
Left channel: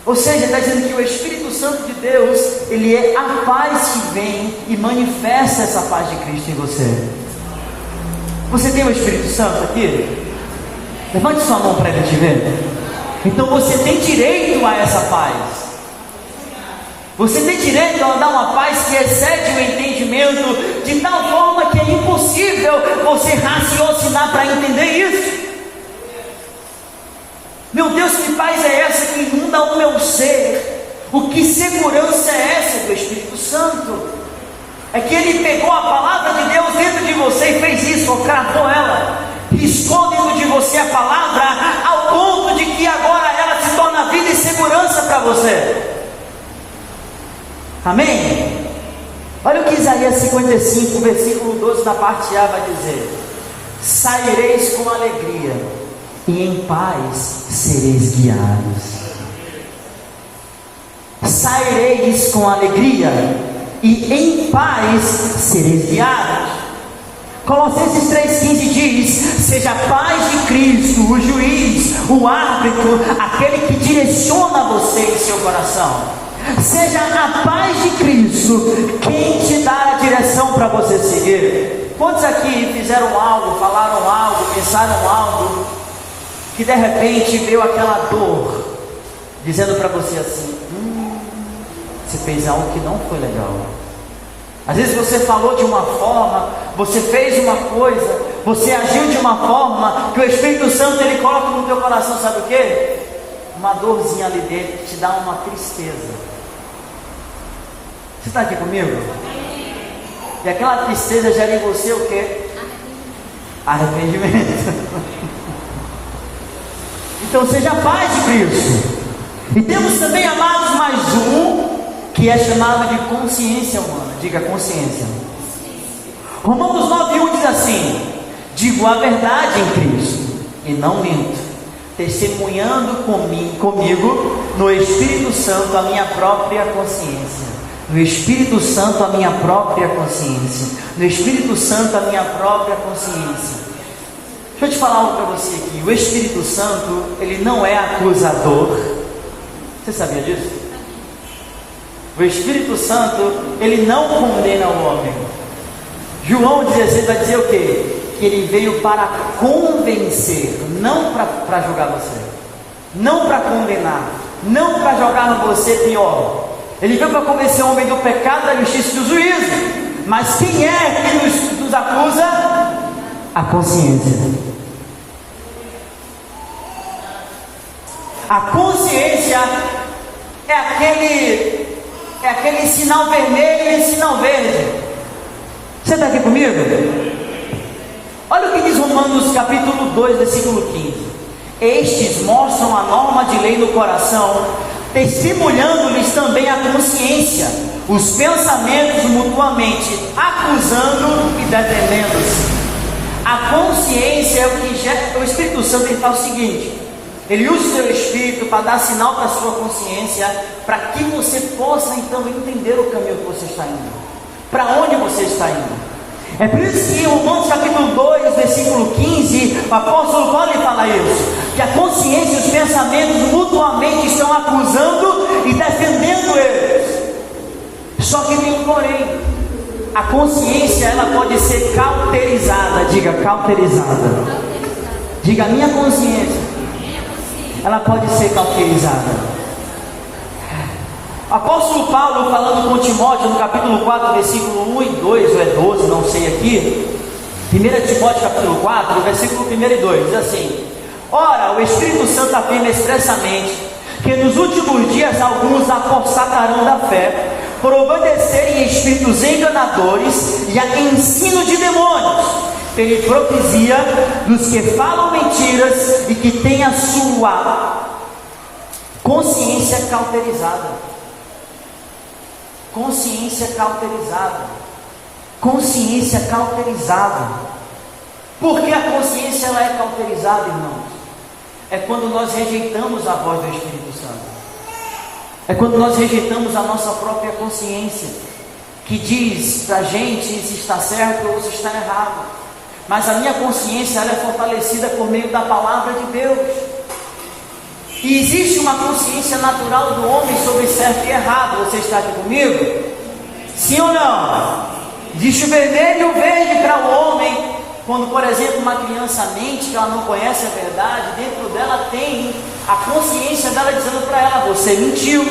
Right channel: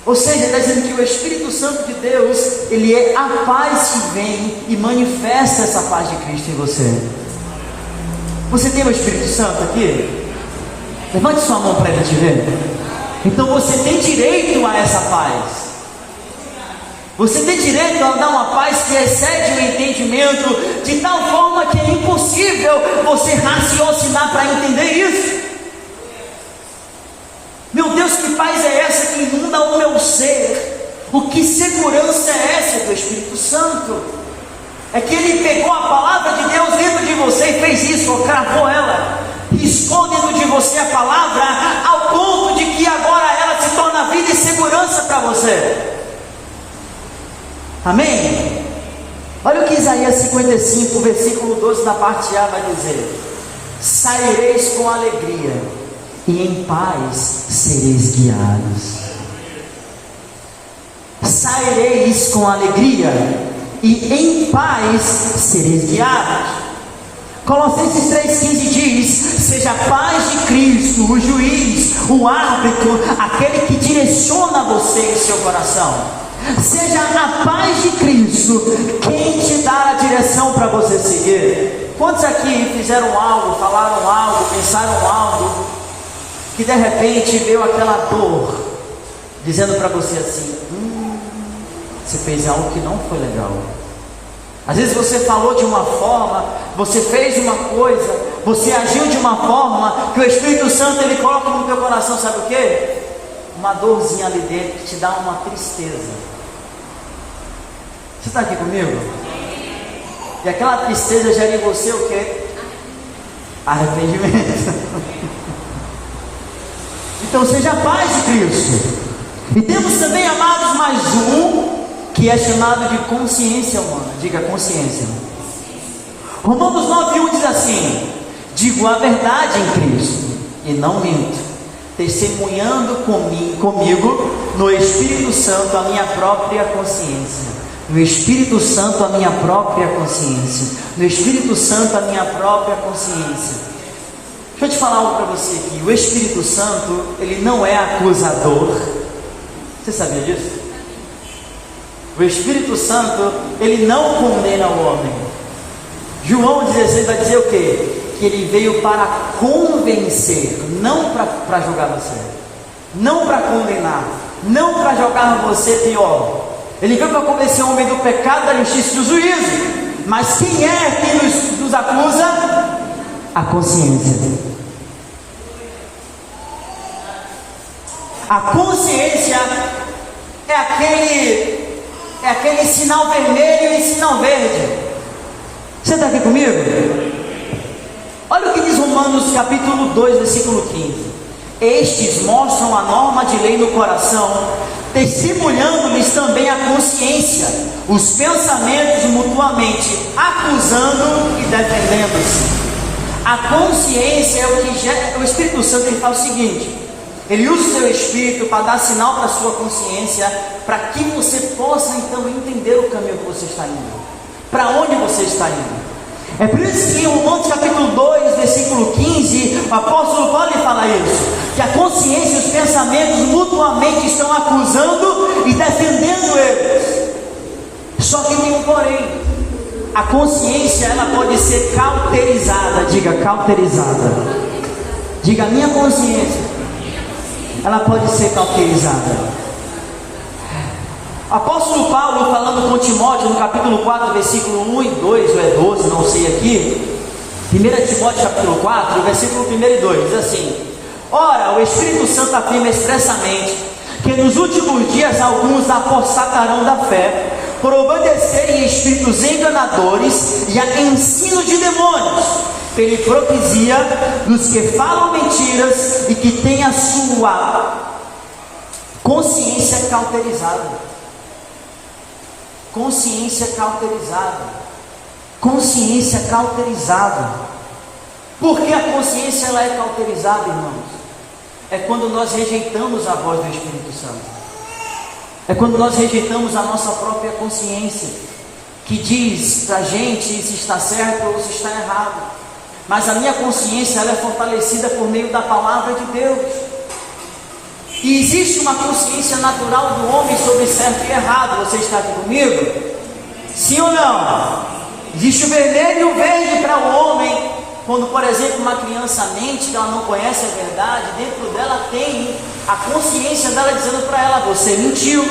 Ou seja, está dizendo que o Espírito Santo de Deus, ele é a paz que vem e manifesta essa paz de Cristo em você. Você tem o Espírito Santo aqui? Levante sua mão para ele te ver. Então você tem direito a essa paz. Você tem direito a dar uma paz que excede o entendimento, de tal forma que é impossível você raciocinar para entender isso. Meu Deus, que paz é essa que inunda o meu ser? O que segurança é essa do Espírito Santo? É que ele pegou a palavra de Deus dentro de você e fez isso, ou cravou ela, riscou dentro de você a palavra, ao ponto de que agora ela se torna vida e segurança para você. Amém? Olha o que Isaías 55, versículo 12, na parte A vai dizer: saireis com alegria, e em paz sereis guiados. Saireis com alegria, e em paz sereis guiados. Colossenses 3,15 diz: seja a paz de Cristo, o juiz, o árbitro, aquele que direciona você e seu coração. Seja a paz de Cristo quem te dá a direção para você seguir. Quantos aqui fizeram algo, falaram algo, pensaram algo, que de repente veio aquela dor, dizendo para você assim: você fez algo que não foi legal. Às vezes você falou de uma forma, você fez uma coisa, você agiu de uma forma que o Espírito Santo ele coloca no teu coração, sabe o que? Uma dorzinha ali dentro que te dá uma tristeza. Você está aqui comigo? E aquela tristeza gera em você o que? Arrependimento. Então seja a paz de Cristo. E temos também, amados, mais um, que é chamado de consciência humana. Diga consciência. Romanos 9,1 diz assim: digo a verdade em Cristo e não minto, testemunhando comigo no Espírito Santo a minha própria consciência. No Espírito Santo a minha própria consciência. No Espírito Santo a minha própria consciência. Deixa eu te falar algo para você aqui. O Espírito Santo, ele não é acusador. Você sabia disso? O Espírito Santo, ele não condena o homem. João 16 vai dizer o quê? Que ele veio para convencer, não para julgar você, não para condenar, não para jogar você pior. Ele veio para convencer o homem do pecado, da justiça e do juízo. Mas quem é que nos acusa? A consciência. A consciência é aquele sinal vermelho e sinal verde. Você está aqui comigo? Olha o que diz Romanos capítulo 2, versículo 15. Estes mostram a norma de lei no coração, testemunhando-lhes também a consciência, os pensamentos mutuamente, acusando e defendendo-se. A consciência é o que gera. O Espírito Santo ele faz o seguinte: ele usa o seu Espírito para dar sinal para a sua consciência, para que você possa então entender o caminho que você está indo, para onde você está indo. É por isso que em Romanos capítulo 2, versículo 15, o apóstolo Paulo fala isso, que a consciência e os pensamentos mutuamente estão acusando e defendendo eles. Só que tem um porém: a consciência ela pode ser cauterizada. Diga cauterizada. Diga a minha consciência, ela pode ser cauterizada. Apóstolo Paulo falando com Timóteo no capítulo 4, versículo 1 e 2, ou é 12, não sei aqui. 1 Timóteo capítulo 4, versículo 1 e 2, diz assim: ora, o Espírito Santo afirma expressamente que nos últimos dias alguns apostatarão da fé, por obedecerem espíritos enganadores e a ensino de demônios. Ele propicia dos que falam mentiras e que têm a sua consciência cauterizada. Consciência cauterizada. Consciência cauterizada. Por que a consciência ela é cauterizada, irmãos? É quando nós rejeitamos a voz do Espírito Santo. É quando nós rejeitamos a nossa própria consciência, que diz para a gente se está certo ou se está errado. Mas a minha consciência ela é fortalecida por meio da palavra de Deus. E existe uma consciência natural do homem sobre certo e errado. Você está aqui comigo? Sim ou não? Existe o vermelho e o verde para o homem. Quando, por exemplo, uma criança mente que ela não conhece a verdade, dentro dela tem a consciência dela dizendo para ela: você mentiu,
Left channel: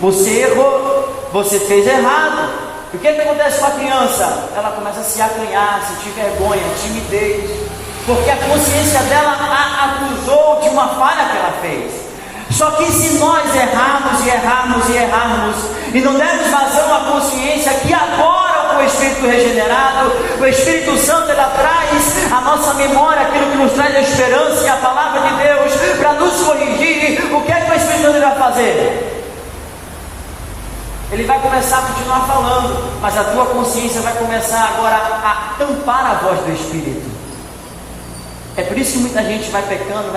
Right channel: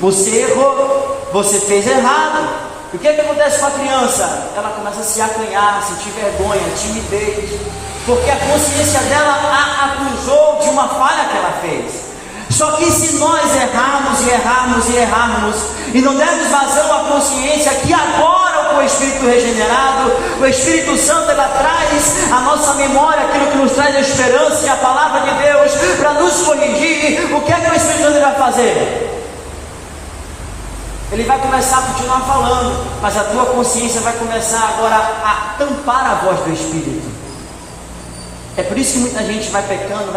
você errou, você fez errado. O que acontece com a criança? Ela começa a se acanhar, sentir vergonha, timidez, porque a consciência dela a acusou de uma falha que ela fez. Só que se nós errarmos e não dermos vazão à consciência, que agora com o Espírito regenerado, o Espírito Santo, ele traz a nossa memória, aquilo que nos traz a esperança e a palavra de Deus para nos corrigir. O que é que o Espírito Santo vai fazer? Ele vai começar a continuar falando, mas a tua consciência vai começar agora a tampar a voz do Espírito. É por isso que muita gente vai pecando,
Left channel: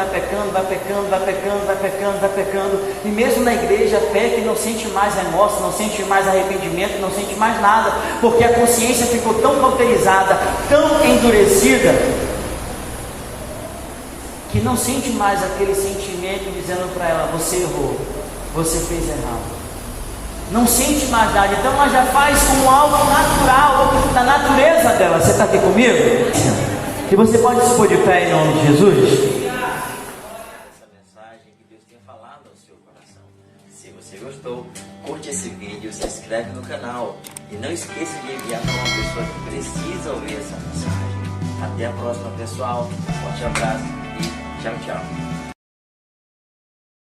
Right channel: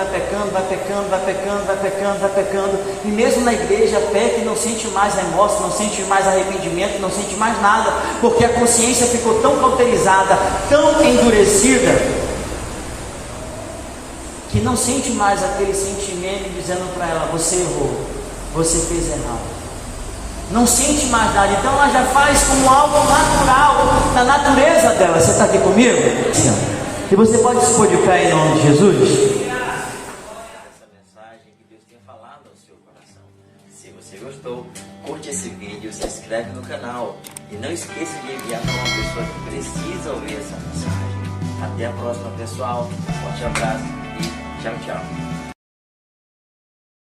e mesmo na igreja peca e não sente mais remorso, não sente mais arrependimento, não sente mais nada, porque a consciência ficou tão cauterizada, tão endurecida, que não sente mais aquele sentimento dizendo para ela: você errou, você fez errado. Não sente mais nada, então ela já faz como algo natural, da natureza dela. Você está aqui comigo? Sim. E você pode se pôr de pé em nome de Jesus? Essa mensagem que Deus tem falado ao seu coração. Se você gostou, curte esse vídeo, se inscreve no canal e não esqueça de enviar para uma pessoa que precisa ouvir essa mensagem. Até a próxima, pessoal. Forte abraço e tchau, tchau.